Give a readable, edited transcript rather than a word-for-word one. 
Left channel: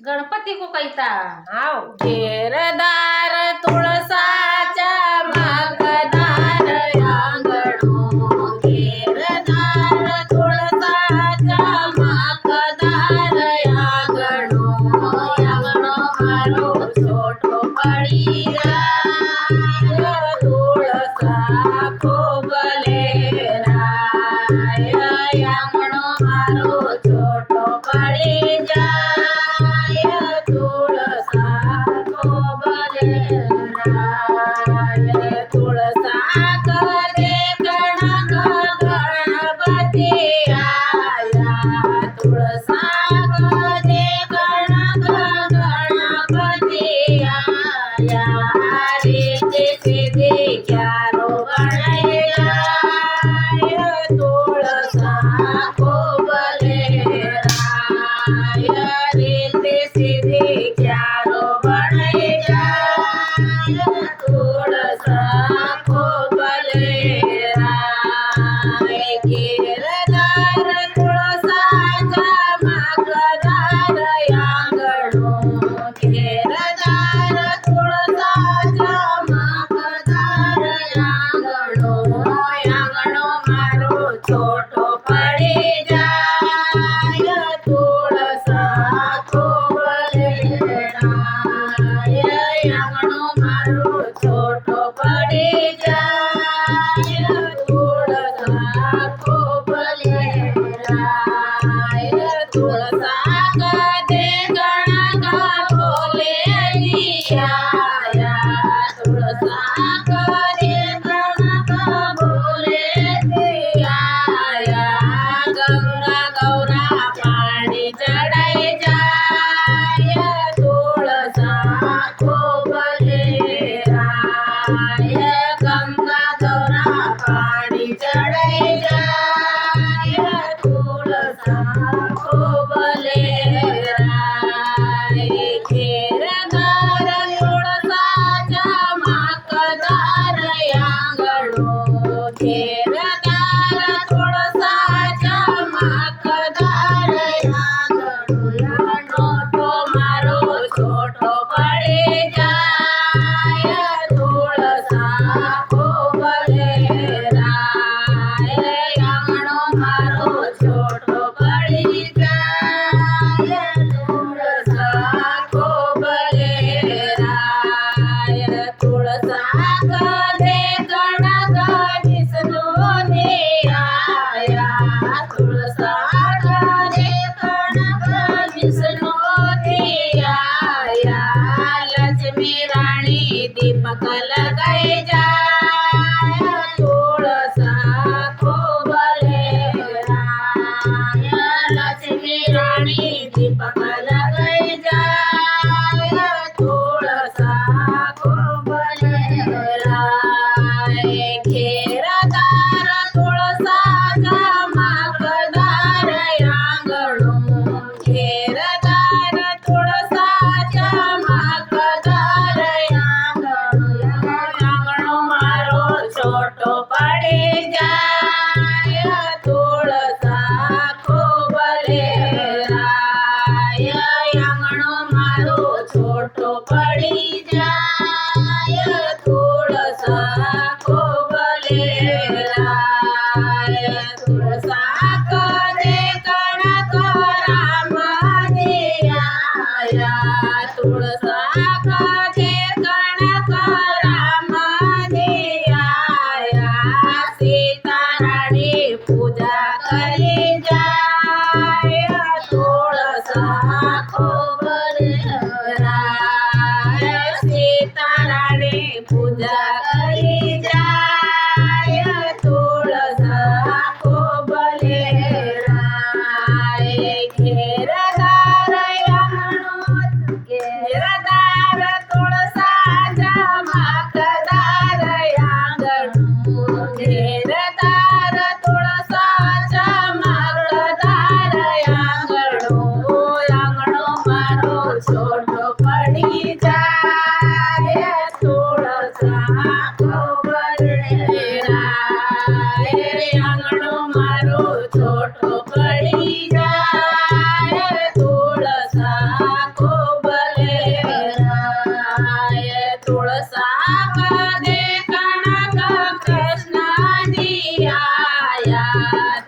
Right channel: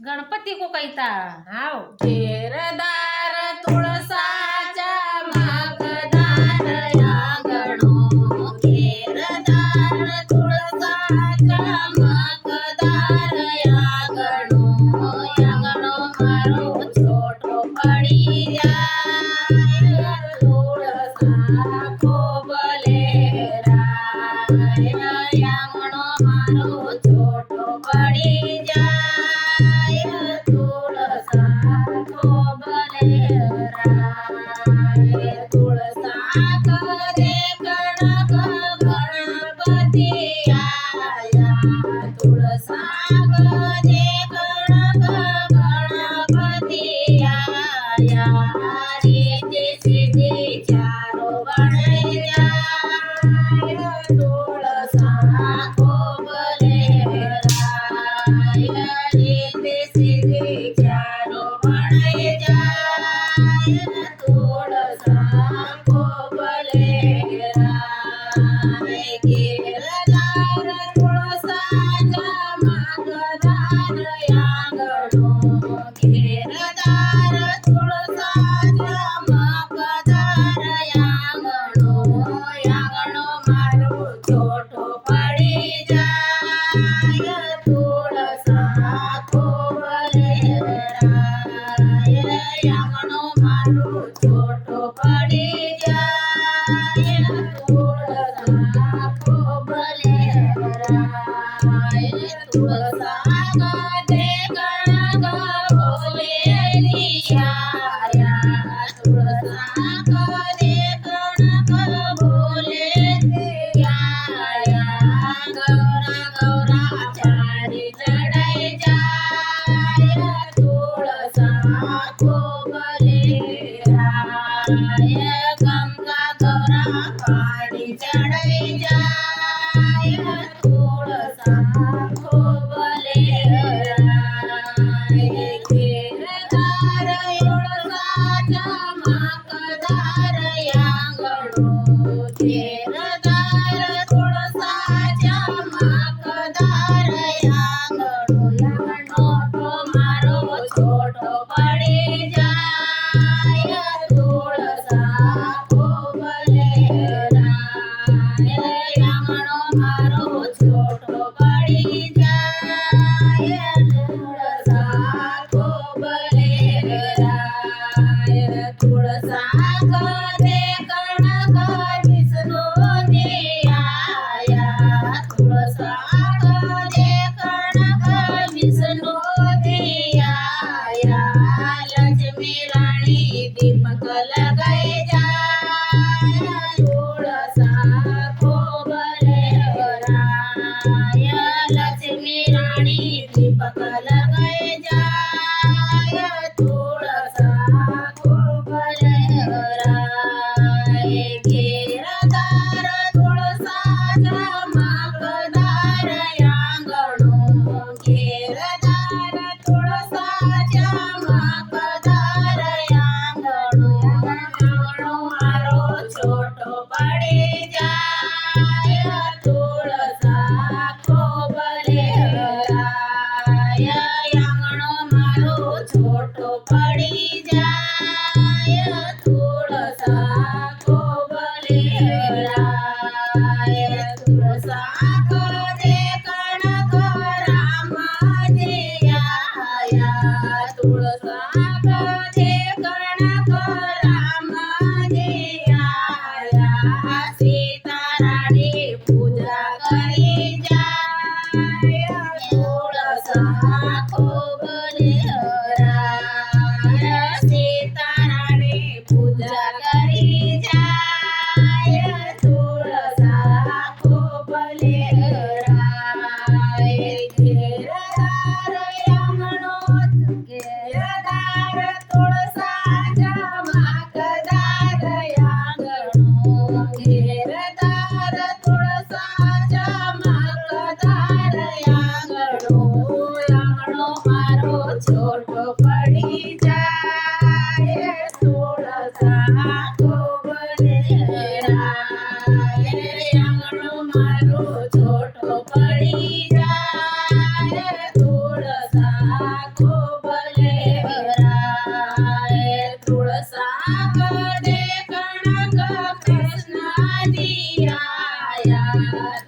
गणपती को कैता हाव घेरदार तुळसाच्या मागदार अंगणो घेरदार तुळसाच्या मागदार अंगणो अंगणो मारो छोटो पडी जाय तुळसा खोबले राय अंगणो मारो छोटो पडी जाय तुळसा खोबले राय तुळसा करे गणक गणपती आया तुळसा करे गणक गणपती आया रे ते चारो गणाय जाय तुळसा खोबले राय रे ते चारो गणाय जाय तुळसा खोबले राय घेरदार तुळसाच्या मागदार अंगणो घेरदार तुळसाच्या मागदार अंगणो अंगणो मारो छोटो पडी जाय तुळसा खोबले राय अंगणो मारो छोटो पडी जाय तुळसा खोबले राय तुळसा गदे गणक बोलेली आया तुळसा गदे गणक बोलेली आया गौरा गौरा पाणी चढाय जाय तुळसा खोबले राय गंगा गौरा पाणी चढाय जाय तुळसा खोबले राय घेरदार तुळसाच्या मागदार अंगणो घेरदार तुळसाच्या मागदार अंगणो तो मारो छोटो पडी जाय तुळसा खोबले राय अंगणो मारो छोटो पडी जाय तुळसा खोबले राय तुळसा गदे गणक विष्णोनी आया तुळसा गदे गणक विष्णोनी आया लक्ष्मी राणी दीपक लगाय जाय तुळसा खोबले राय लक्ष्मी राणी दीपक लगाय जाय तुळसा खोबले राय घेरदार तुळसाच्या मागदार अंगणो घेरदार तुळसाच्या मागदार अंगणो अंगणो मारो छोटो पडी जाय तुळसा खोबले राय अंगणो मारो छोटो पडी जाय तुळसा खोबले राय तुळसा करे गणक रामजी आया तुळसा करे गणक रामजी आया सीता राणी पूजा करी जाय तुळसा खोबले राय આયા